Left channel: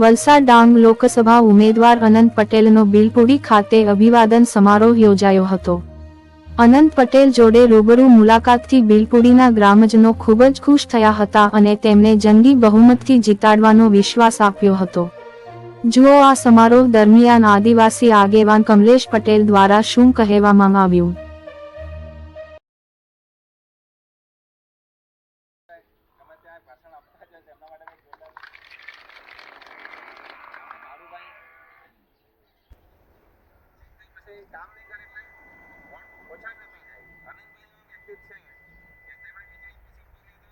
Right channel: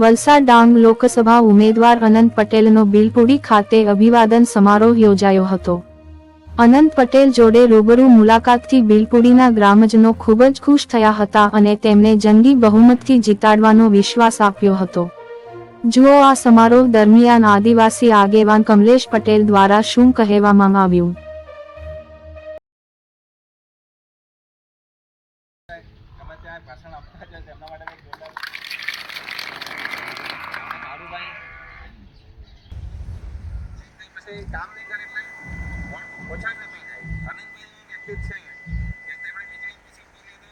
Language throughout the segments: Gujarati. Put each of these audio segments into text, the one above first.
વલસાડ ડાંગ લોકસભા ઉમેદવાર અનંત પટેલનો બિલપુડી ખાતે અભિવાદન સમારોહ યોજાયો હતો. અનંત પટેલ જોડે રૂબરૂ મુલાકાતથી બિલપુડીના ગ્રામજનો ખૂબ જ ખુશ થયા હતા અને તેમને જંગી બહુમતથી જીતાડવાનો વિશ્વાસ આપ્યો હતો. જુઓ, આ સમારોહ દરમિયાન આદિવાસી આગેવાન કમલેશ પટેલ દ્વારા શું કહેવામાં આવ્યું તમે ત્યાં ભાષણ આપતા જ તેમના માટે કંઈક જોરદાર કારુભાઈ કંઈ કામ નહીં કરે એટલે ઓછા કપાઈ જાય આનંદભાઈ વ્યક્તિ જ છે કે તેમણે બીજી પછી બોલીએ તો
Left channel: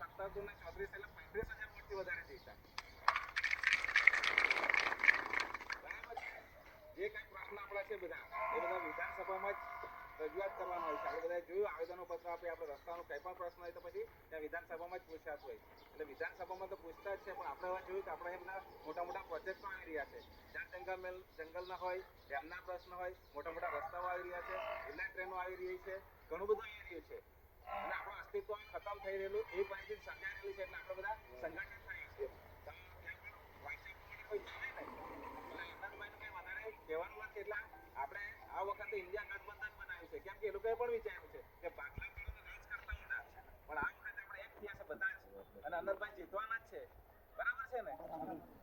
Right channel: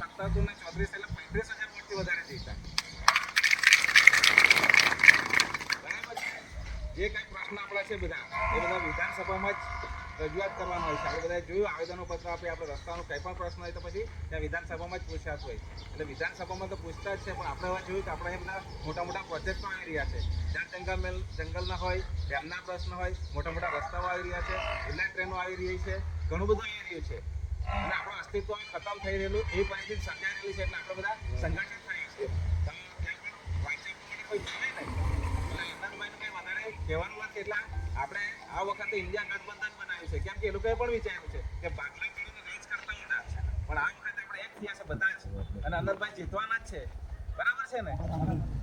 સત્તર ને ચોત્રીસ એટલે પંત્રીસ હજાર વોટથી વધારે જીતા બરાબર છે? જે કાંઈ પ્રશ્ન આપણા છે બધા, એ બધા વિધાનસભામાં જ રજૂઆત કરવાનો હોય છે. આપણે બધાએ જોયું આવેદનો પત્ર આપે, આપણે રસ્તાનો કંઈ પણ પ્રશ્ન હોય તો પછી ત્યાં વિધાનસભામાં જ પૂછાતું હોય. એટલે વિધાનસભામાં તો પૂછતા જ છે, પણ આપણે હવે જોયું કે આપણે એમના મોટા મોટા પ્રોજેક્ટો આવી રહ્યા છે. જ્યાં જંગલ જંગલના હોય, ડેમના પ્રશ્ન હોય, મોટા મોટા રસ્તાઓ આવી રહ્યા છે બુલેટ ટ્રેનો આવી રહી છે, ઘણું બધું આવી રહ્યું છે. અને આપણું અસ્તિત્વ ખતમ થઈ રહેલું, એ પરિસ્થિતિ સર્જાઈ રહેલી છે એટલે આપણે બધા સંગઠિત થયા છે તો ત્યાં પણ વાંચવા માટે કોઈ નહીં. એટલે કંઈ વધારે કહેવાનું એટલે આપણે આ વખતે ઇન્ડિયા ગઠબંધન બનાવ્યું છે. કેમ કે એ લોકોએ પણ વિચાર્યું છે કે ભાગલા પાડીને રાજ કરતા હતા પણ આ વખતે આપણે એક થયા છે બધા જ. અને અનંતભાઈ જીતવાના જ છે. બરાબર છે ને?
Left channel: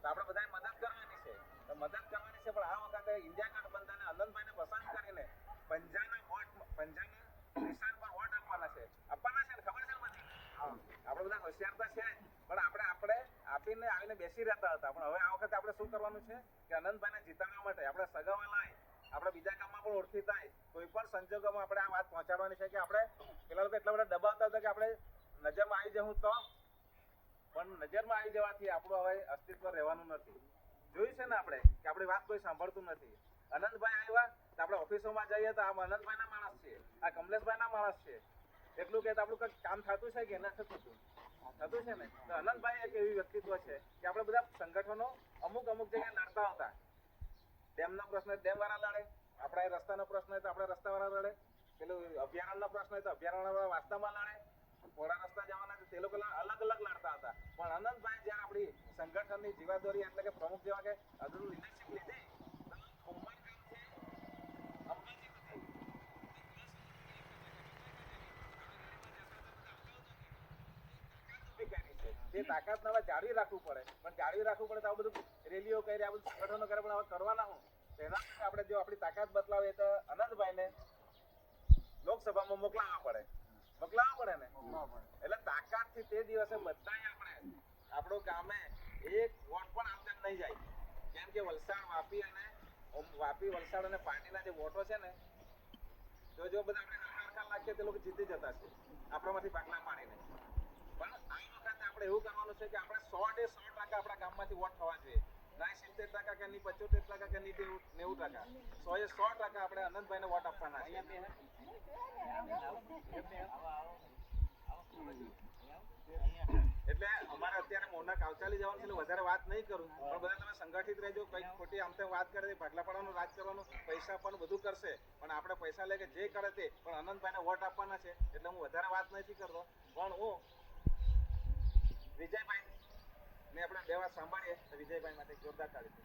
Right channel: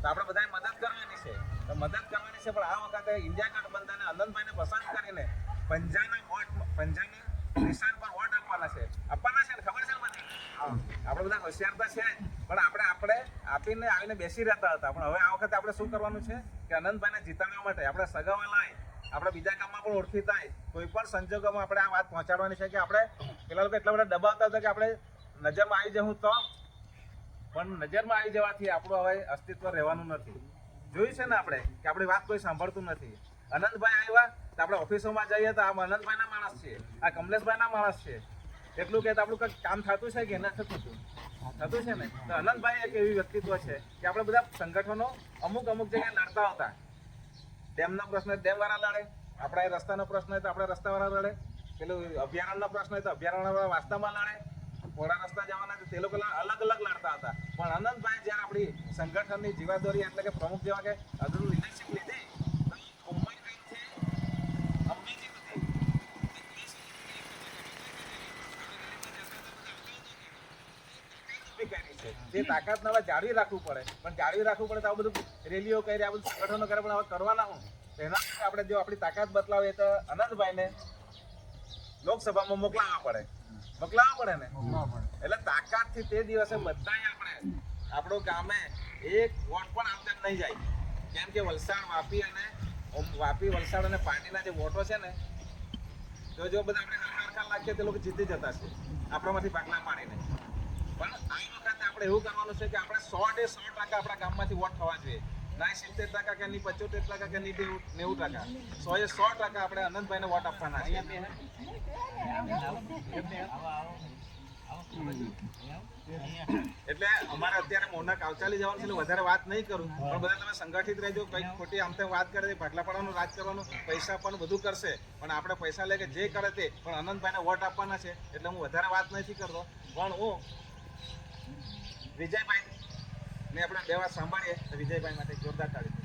તો આપણે બધાએ મદદ કરવાની છે. તો મદદ કરવાની છે પણ આ વખતે ઇન્ડિયા ગઠબંધને અનંતભાઈને પસંદ કરીને પંજાના વોટ પંજાના નિશાન પર વોટ આપવાના છે. આપવાના છે ને? ખબર છે ને બધી? આપણે બધા હોશિયાર તો છે જ, પણ આપણે આપણે આપીને આવીને બેસી રહેતા હતા. પણ હવે આ વખતે આપણે શું કરવાનું છે કે અનંતભાઈને જીતાડવા માટે આપણે સગાવા લાય, આપણે બીજા કામમાં પણ ઓળખી થાય. કોઈ પણ સંજોગોમાં આપણે આ વાત પહોંચાડવાની છે કે આપણે પેલા લોકો એટલા બધા દબાવતા હતા કે આપણે નજરમાં આવી જવું તો, પણ નજરમાં આવી જવાથી આપણું હવે અસ્તિત્વ રહેવાનું નથી. જોયું છે ને આપણે કે આપણી વાત કોઈ સાંભળતું નથી. અનંતભાઈ આવ્યા તો આપણે ઓફિસોમાં જઈએ તો આ અનંતભાઈના માણસ છે આ કમલેશભાઈના માણસ છે એટલું કે આપણું કંઈક કામ થતું છે કે ના થતું હતું થતું છે ને? તો અનંતભાઈ એક એવી વ્યક્તિત્વ છે કે આપણે બધા સંગઠનો અમુક અમુક જગ્યાએ લડતા હતા ડેમનો પ્રશ્ન ડેમવાળા લડે, આપણા રસ્તાનો પ્રશ્ન હોય તો આપણા રસ્તાવાળા લડે, પેલું અભયારણ્યનો પ્રશ્ન હોય તો અભયારણ્યવાળા વાસ્તામાં લડે પોળા રસ્તા જવાના તે લોકો અલગ અલગ લડતા હતા પણ અનંતભાઈ જ્યારે આપણી સંગઠનની જીવાદોરી એટલે કે પ્રમુખ જેવા કે અગ્રણી લીડરશીપ લીધી તો ઉંમરગામથી અંબેજી સુધી ઊભી કરી છે. જે તાકાત હવે જાળવી રાખવું પડે. પણ જાળવી રાખવું પડે તો આ બધું રેલીઓ કરી આ બધું સંગઠનો કરે પણ હવે કરવાના હું એના આપણે જો આપણી તાકાત બદલાવીએ તો અનંતભાઈને લોકસભામાં મોકલાવવા પડે. મોકલાવવા પડે ને? એટલે તાકાતથી તે દિવસે બધાય આપણે આપણો ગામે એક વોટ પણ આપતા નહીં જાય. કેમ કે વલસાડ વાપી અને વાપી વલસાડ અને પાણીના જે વોટો છે ને તો જો બધા આપણે હરખા લાગીએ તે લોકો જીતી જતા છે. આપણામાંથી પાકલા પાડીને પણ આ વખતે આપણે એવું કરવાનું છે કે આપણે સો ડે સો ટકા આપણા ગામમાંથી વોટ થવા જોઈએ. ના સિત્તેર ટકા કે નહીં, પચોતેર ટકા કે નહીં નેવું ટકા. સો એ સો ટકા આપણે અનંતભાઈને વોટ આપવાના છે. એટલે અમારે અત્યારે મોના કાવચાલી જવાનું છે વધારે વાત નહીં કરું. પણ બધા તમે સંગઠિત રહેજો, કંઈક ખોટી આમ તેમ વાત કરે ભાગલા પાડવાનું, રાજ કરવાનું, પૈસા પણ બધું કરશે. પણ આપણે પૈસા લે કે જે કરે તે, પણ અનંતભાઈને વોટ આપવાના છે. એટલે હું વધારે વાત નથી કરતો. પણ હું વિજયભાઈ ને આપણે બે સાંભળીએ તો વિજયભાઈ માટે જોરદાર તાળી